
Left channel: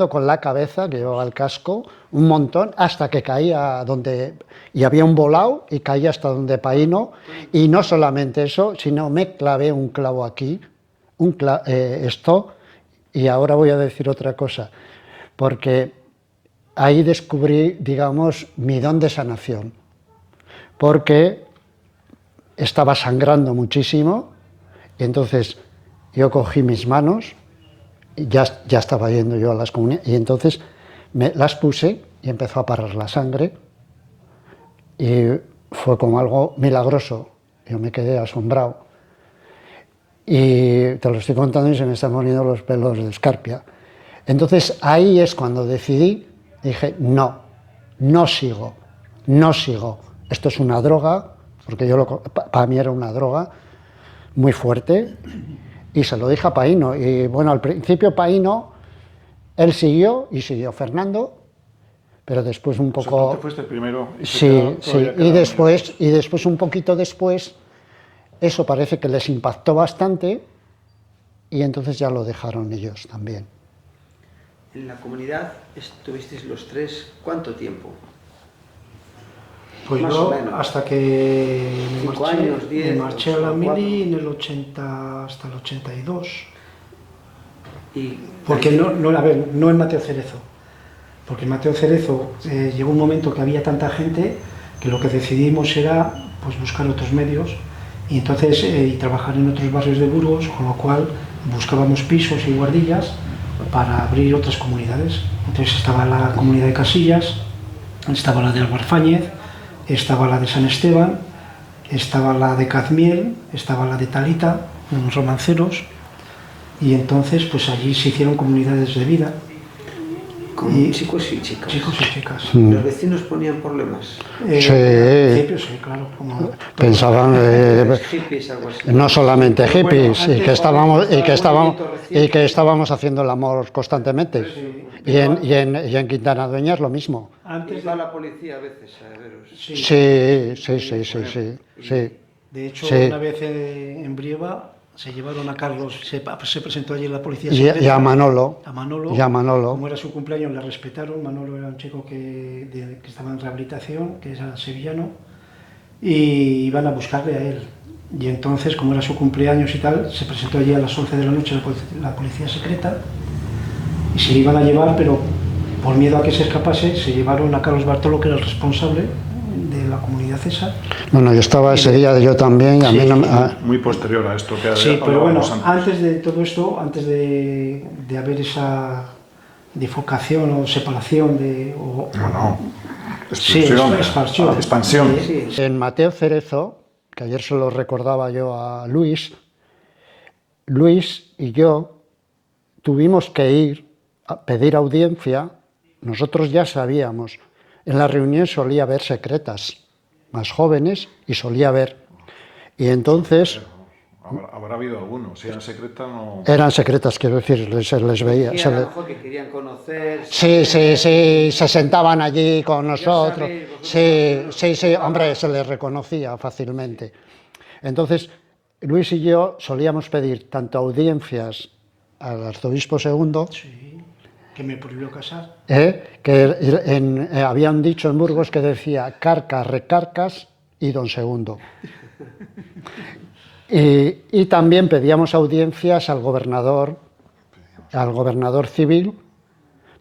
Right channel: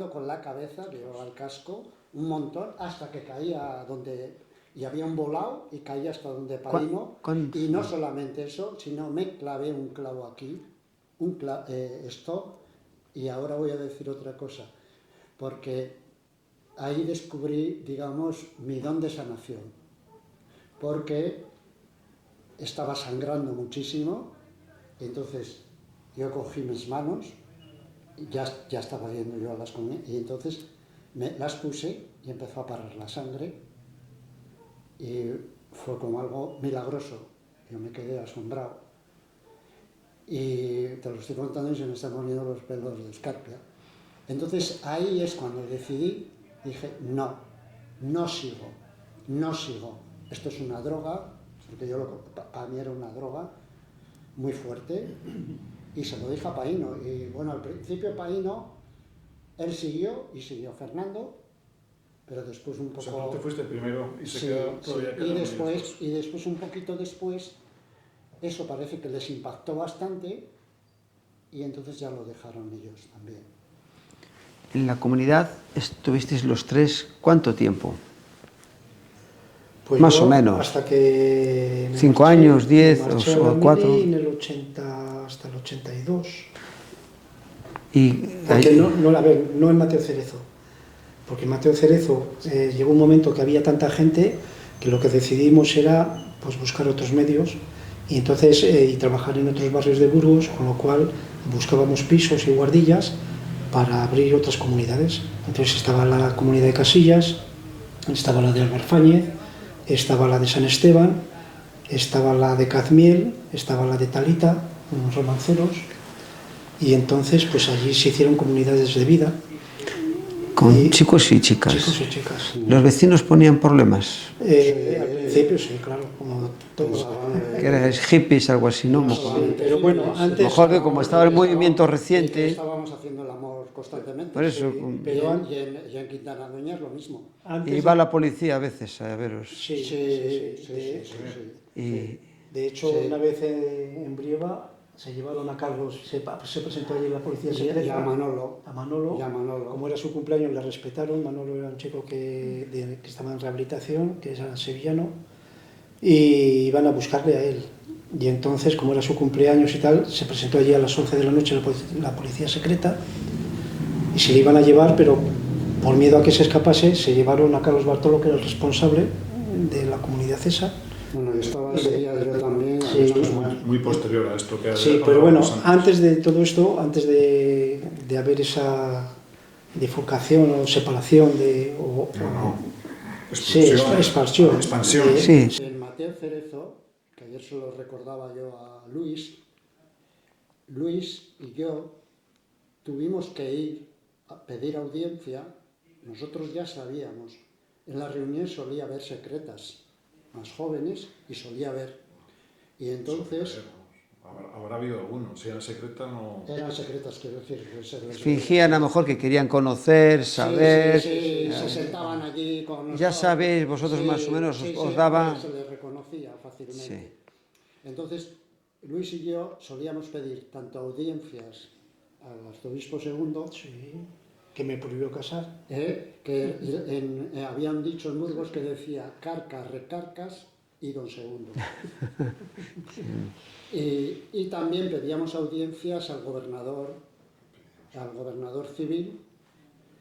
con la cabeza, que llevaba el casco, un montón, hasta que caía y había un volado y caía hasta donde Paíno, y no solamente eso, sino me clavé un clavo aquí, y ahora voy a decir otra cosa, porque ahí descubrí, digamos, mi don de sanación, porque estaba sangrando muchísimo, y entonces yo cogí mis manos, ya estaba yendo yo a las comunidades, y entonces me las puse y empezó a parar la sangre, y fue como algo milagroso. Yo me quedé asombrado, y te lo estoy contando y se me están poniendo los pelos de escarpia. Entonces ahí es cuando decidí, dije, no sigo, esto es una droga, porque para mí era una droga muy fuerte, y se lo dije a Paíno, y bueno, al principio Paíno, él siguió Fernando, pero después un poco... O sea, tú te fuiste primero. Sí, y después un poquito después, eso parece que les impactó bastante, y entonces ya lo dejaron ellos también. En la comunidad estuvisteis los tres, ¿cuánto tiempo? Pues Más yo, o menos. Hasta que... 5 años, 10 me marché a o la 4. mili en el 80 hasta el 82. Y Porque no en Mateo Cerezo. Porque en Mateo Cerezo llegó un momento que había tanta gente que lo que decidimos era pues, buscar otros medios y entonces y trabajar en otros barrios de Burgos, con lo cual buscábamos pisos y guardillas para abrir otras comunidades. Entonces estaba la comunidad de Casillas, estaba la de Albarfáñez, estaba la de San Esteban, estaba la de Cazmiel, estaba la de Talita, unos romanceros, y entonces pues allí se hicieron comunidades de vida. con chicos y chicas. Chicos y chicas. ¿Los vecinos ponían problemas? Al principio sí, claro. Pensaban hippies, algo así. no solamente Pero bueno, hippies, antes, y que estábamos haciendo el amor constantemente. Por eso, Y en Quintana Dueñas lo mismo. Iba la policía a veces a veros. Sí. De hecho, Sí. una vez en Brieva Se llevaron a Carlos, se presentó allí en la policía y secreta. a Manolo. A Manolo. Y a Manolo. Como era su cumpleaños, le respetaron. Manolo era un chico que estaba en rehabilitación, que era sevillano, y iban a buscarle a él. Y entonces, como era su cumpleaños y tal, se presentó allí a las 11 de la noche la policía secreta y se le iban a llevar, pero por miedo a que se escapase, se llevaron a Carlos Bartolo, que era el responsable de la comunidad esa. Bueno, yo estaba ese día, yo también. A mí no me- Muy posterior a esto que Sí, pero bueno, hablábamos antes de todo esto, antes de haber esa bifurcación o separación de... No. Sí, Expansión. expansión. Sí, En Mateo Cerezo, que ayer se lo recordaba yo a Luis y yo tuvimos que ir a pedir audiencia. Nosotros ya sabíamos, en la reunión solía haber secretas más jóvenes y solía haber. Y entonces Habrá habido algunos. Si era secreta, no. eran secretas, quiero decir, se les veía. decían se a lo le- mejor que querían conocer, Sí, saber. sí, se sentaban allí con nosotros. sabéis vosotros Sí, más o menos, sí, os sí, daba- hombre, se les reconocía fácilmente. Entonces, Luis y yo solíamos pedir tanto audiencias al arzobispo II, Sí, que me prohibió casar. que había un dicho en Burgos que decía carcas, recarcas y don segundo. Y también pedíamos audiencias al gobernador civil,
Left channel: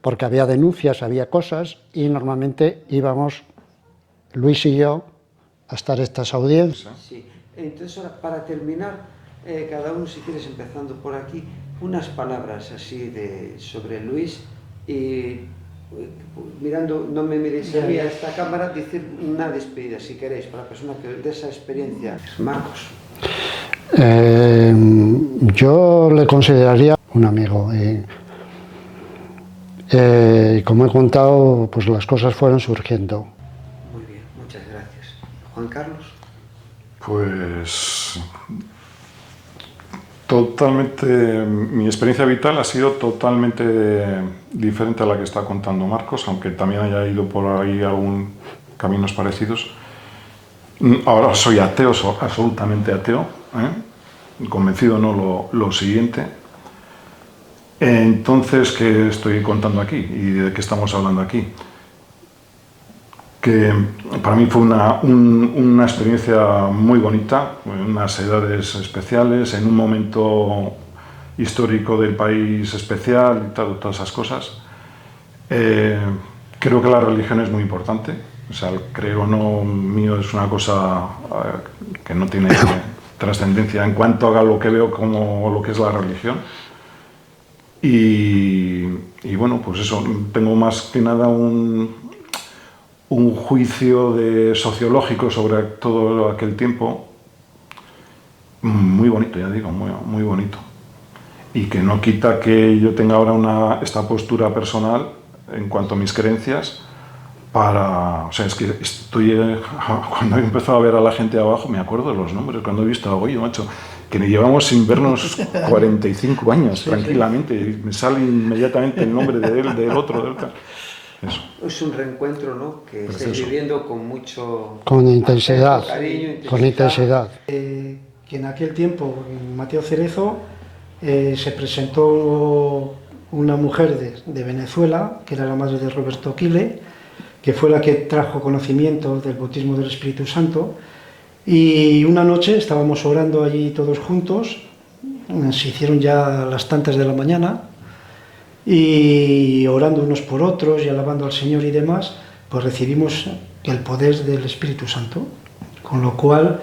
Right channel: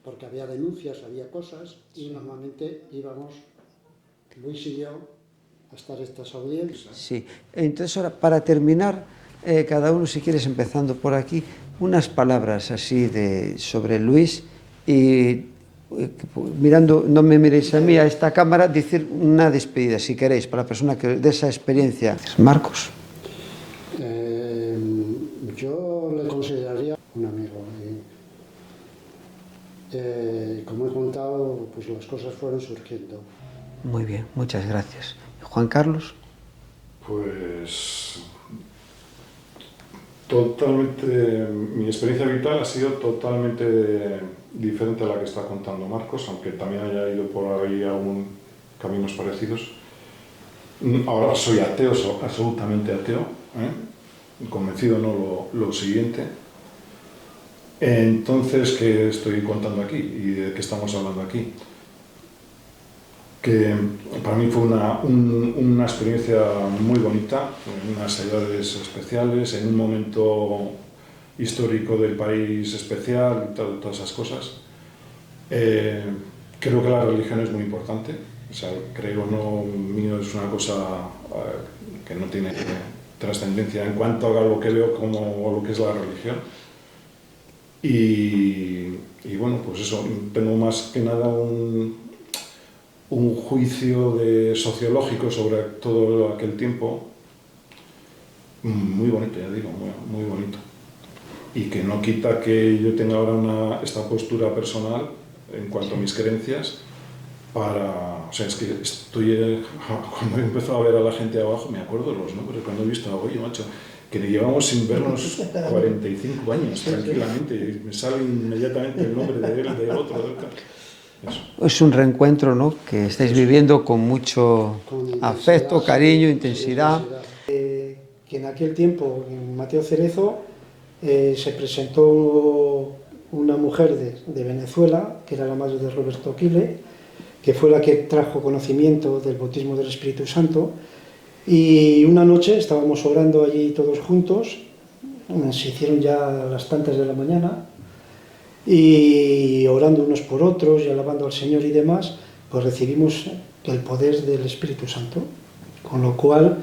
porque había denuncias, había cosas, y normalmente íbamos Luis y yo a estar estas audiencias. Sí. Entonces, ahora, para terminar, cada uno, si quieres, empezando por aquí, unas palabras así sobre Luis y mirando, no me miréis a mí, a esta cámara, decir una despedida, si queréis, para la persona que de esa experiencia. Marcos. Yo le consideraría un amigo. Como he contado, pues las cosas fueron surgiendo. Muy bien, muchas gracias. Juan Carlos. Pues totalmente, mi experiencia vital ha sido totalmente diferente a la que está contando Marcos, aunque también haya ido por ahí algún caminos parecidos. Ahora soy ateo, soy absolutamente ateo, convencido no lo siguiente. Entonces, ¿qué estoy contando aquí y de qué estamos hablando aquí? Que para mí fue una experiencia muy bonita, en unas edades especiales, en un momento histórico del país especial y todas esas cosas. Creo que la religión es muy importante, o sea, el creer o no mío es una cosa que no tiene trascendencia en cuanto a lo que veo como lo que es la religión. Y bueno, pues eso, tengo más que nada un juicio sociológico sobre todo aquel tiempo muy bonito, ya digo, muy bonito. Y que no quita que yo tenga ahora esta postura personal en cuanto a mis creencias o sea, es que cuando he empezado a ver a la gente abajo, me acuerdo de los nombres, cuando he visto a Goyo, macho, que llevamos sin vernos 45 años, tranquilamente, y me sale inmediatamente el nombre de él, del otro, del tal. Eso. Es un reencuentro, ¿no?, que estáis viviendo con mucho Con intensidad, afecto, cariño, intensidad. con intensidad. Que en aquel tiempo, en Mateo Cerezo, se presentó una mujer de Venezuela, que era la madre de Roberto Quile, que fue la que trajo conocimiento del bautismo del Espíritu Santo. Y una noche estábamos orando allí todos juntos, se hicieron ya las tantas de la mañana, y orando unos por otros y alabando al Señor y demás, pues recibimos el poder del Espíritu Santo, con lo cual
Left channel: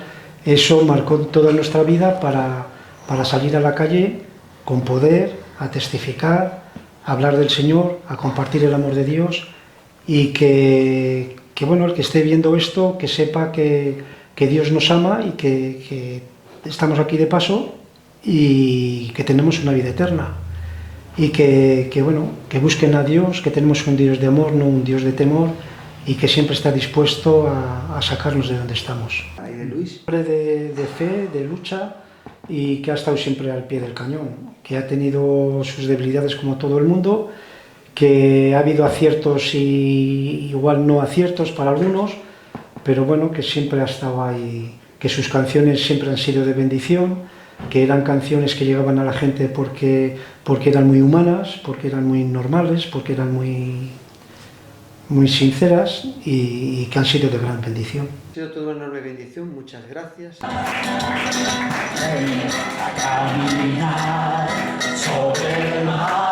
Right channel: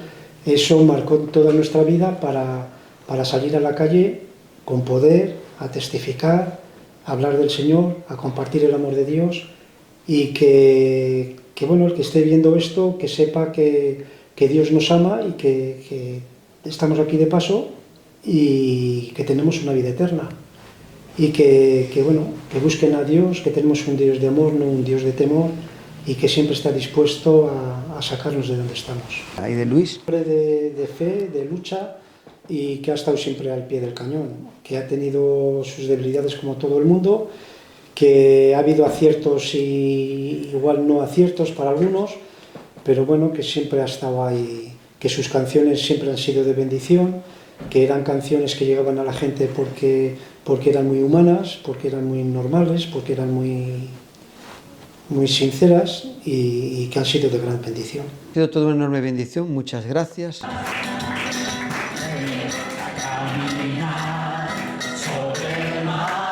eso marcó toda nuestra vida para salir a la calle con poder, a testificar, a hablar del Señor, a compartir el amor de Dios, y que bueno, el que esté viendo esto, que sepa que Dios nos ama y que estamos aquí de paso y que tenemos una vida eterna. Y que busquen a Dios, que tenemos un Dios de amor, no un Dios de temor, y que siempre está dispuesto a sacarnos de donde estamos. ¿Y de Luis? Hombre de fe, de lucha, y que ha estado siempre al pie del cañón, que ha tenido sus debilidades como todo el mundo, que ha habido aciertos y igual no aciertos para algunos, pero bueno, que siempre ha estado ahí, que sus canciones siempre han sido de bendición, que eran canciones que llegaban a la gente porque eran muy humanas, porque eran muy normales, porque eran muy sinceras y que han sido de gran bendición. Ha sido toda una enorme bendición, muchas gracias. A caminar sobre el mar.